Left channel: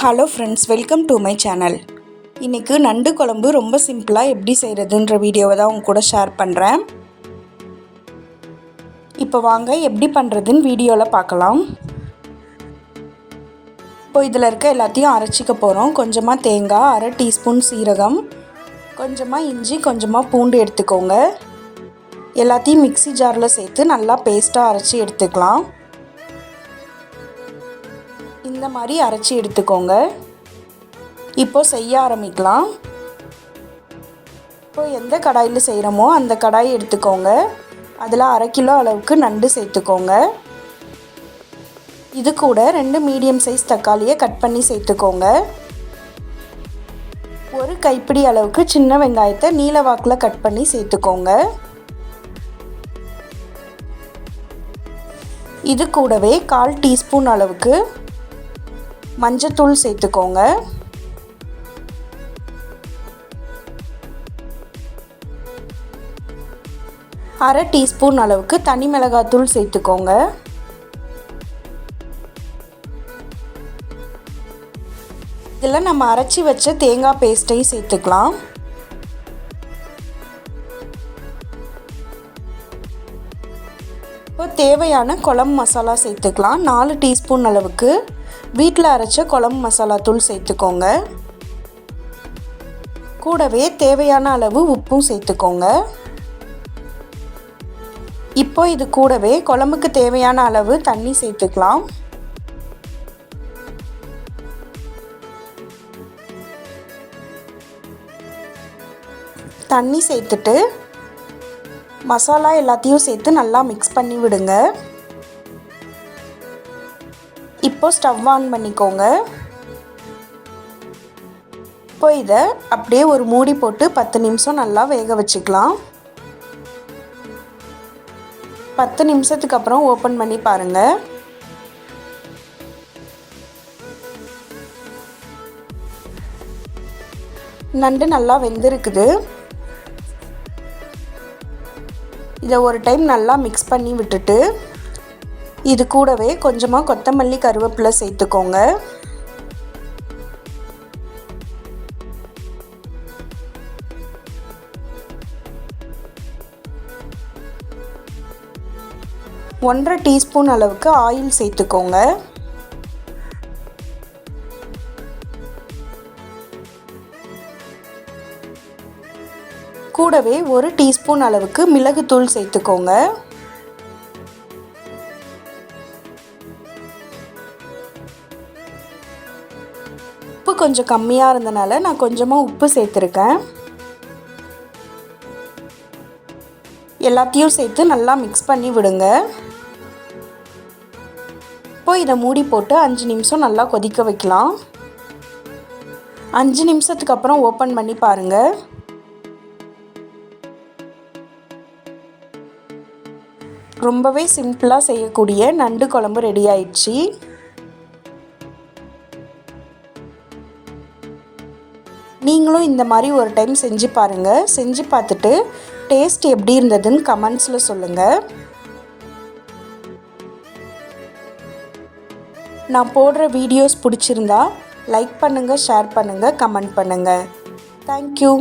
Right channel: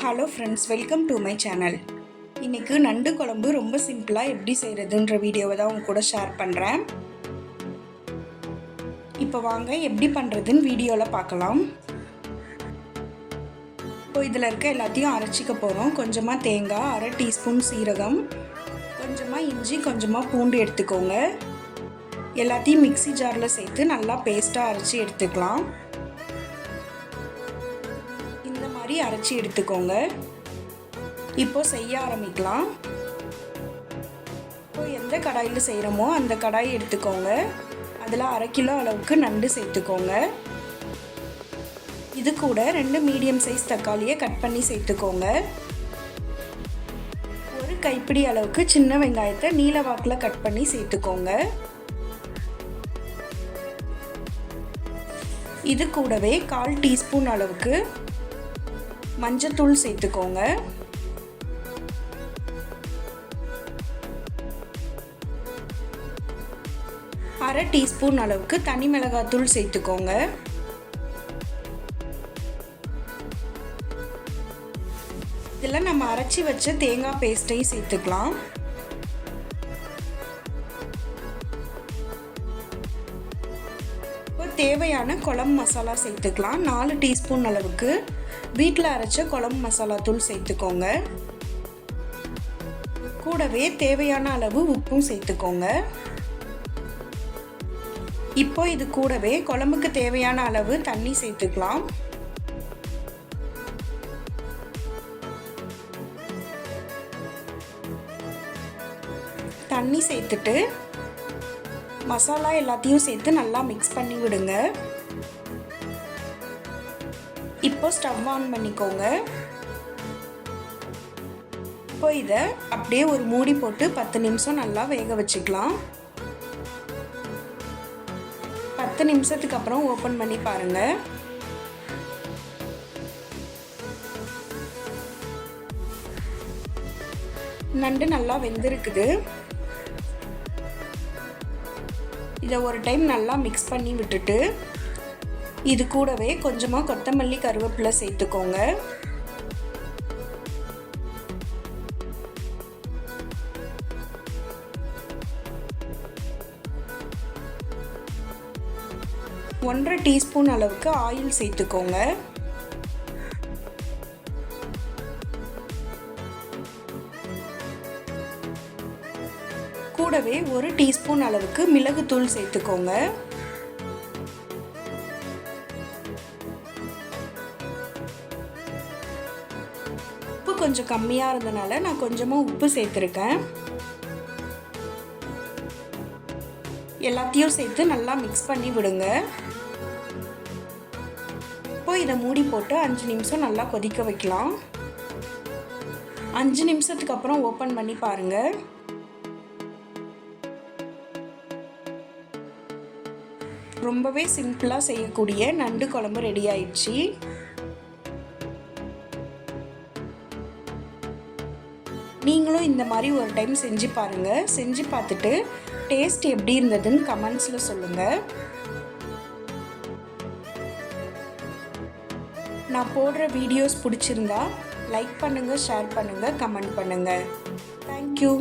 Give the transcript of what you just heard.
Hello friends welcome to my channel இன்றைக்கு நண்டு குழம்பு ரொம்ப சிம்பிளாக எப்படி செய்கிறதுன்ற வீடியோவை தான் உங்க கூட ஷேர் பண்ணுறேன் இப்போ வாங்க எப்படி பண்ணுறதுன்னு வீடியோவில் பார்க்கலாம். இப்போ இதில் இருக்க எல்லாத்தையும் அரைச்சிக்க போகிறோம் கொஞ்சமாக தேங்காய் அரை டீஸ்பூன் சீரகம் கொஞ்சமாக இஞ்சி கொஞ்சமாக பூண்டு எடுத்துக்கோங்க. எல்லாத்தையும் மிக்ஸி ஜாரில் சேர்த்து நல்லா பேஸ்ட்டாக அரைச்சி எடுத்துக்கலாம். இந்த மாதிரி அரைச்சி எடுத்துக்கோங்க. இப்போ செய்ய ஆரம்பிக்கலாம். இப்போ எந்த கடாயில் செய்கிறோமோ அந்த கடாயை எடுத்துக்கோங்க. அதில் அரை கிலோ அளவுக்கு நண்டு சேர்த்துக்கோங்க. இது கூட ரெண்டு மீடியம் சைஸ் தக்காளியை கட் பண்ணி சேர்த்துக்கோங்க. ஒரு கைப்பிடி அளவுக்கு சின்ன வெங்காயத்தை நீல வாக்கில் கட் பண்ணி சேர்த்துக்கோங்க. இது கூடவே கால் டீஸ்பூன் அளவுக்கு மஞ்சத்தூள் சேர்த்துக்கோங்க. அரை டீஸ்பூன் அளவுக்கு தனி மிளகாத்தூள் சேர்த்துக்கோங்க. இதில் நம்ம அரைச்சி வச்ச தேங்காய் பேஸ்ட்டையும் சேர்த்துக்கலாம். தேவையான குழம்பு மசாலா சேர்த்துக்கலாம். நாலு டீஸ்பூன் அளவுக்கு வீட்டில் அரைச்ச குழம்பு மசாலா தூள் சேர்த்துக்கோங்க. கூடவே தேவையான அளவு உப்பும் சேர்த்துக்கோங்க. இப்போ இது கூடவே குழம்புக்கு தேவையான அளவு தண்ணி சேர்த்துக்கலாம். தண்ணி சேர்த்துட்டு மசாலா எல்லாத்தையும் சேர்த்து நல்லா மிக்ஸ் பண்ணி விடுங்க. இப்போ ஸ்டவ் ஆன் பண்ணிக்கோங்க. இப்போ இதை அப்படியே ஒரு மூடி போட்டு பத்து நிமிஷம் நல்லா வேக வச்சுக்கலாம். பத்து நிமிஷத்துக்கு அப்புறம் ஓப்பன் பண்ணி பாருங்கள் நண்டு நல்லா வெந்திருக்குது. இதை ஒரு டைம் நல்லா மிக்ஸ் பண்ணி விட்டுட்டு இது கூடவே கொஞ்சமாக கொத்தமல்லி கருவேப்பிலை சேர்த்துக்கோங்க. ஒன்றரை டீஸ்பூன் அளவுக்கு ஆயில் சேர்த்துக்கோங்க. கூடவே ஒரு டீஸ்பூன் அளவுக்கு மிளகுத்தூள் சேர்த்துக்கோங்க. உப்பு கொஞ்சம் கம்மியாக இருந்தனால நான் கொஞ்சமாக உப்பு சேர்த்துருக்கேன். எல்லாத்தையும் சேர்த்து நல்லா மிக்ஸ் பண்ணி விடுங்க. இப்போ இதை மூடி போட்டு அஞ்சு நிமிஷம் நல்லா கொதிக்க வைக்கலாம். அஞ்சு நிமிஷத்துக்கு அப்புறம் ஓப்பன் பண்ணி பாருங்கள் ரொம்பவே சிம்பிளாக செய்யக்கூடிய நண்டு குழம்பு ரெடி ஆயிடுச்சு. நீங்களும் இந்த மாதிரி ஒரு டைம் செஞ்சு பாருங்கள் செஞ்சு பார்த்துட்டு டேஸ்ட் எப்படி இருந்ததுன்னு கமெண்ட்ஸில் சொல்லுங்கள் நான் போடுற வீடியோஸ் பிடிச்சிருந்தா லைக் பண்ணுங்கள் ஷேர் பண்ணுங்கள் கமெண்ட் பண்ணுங்கள் தேங்க்யூ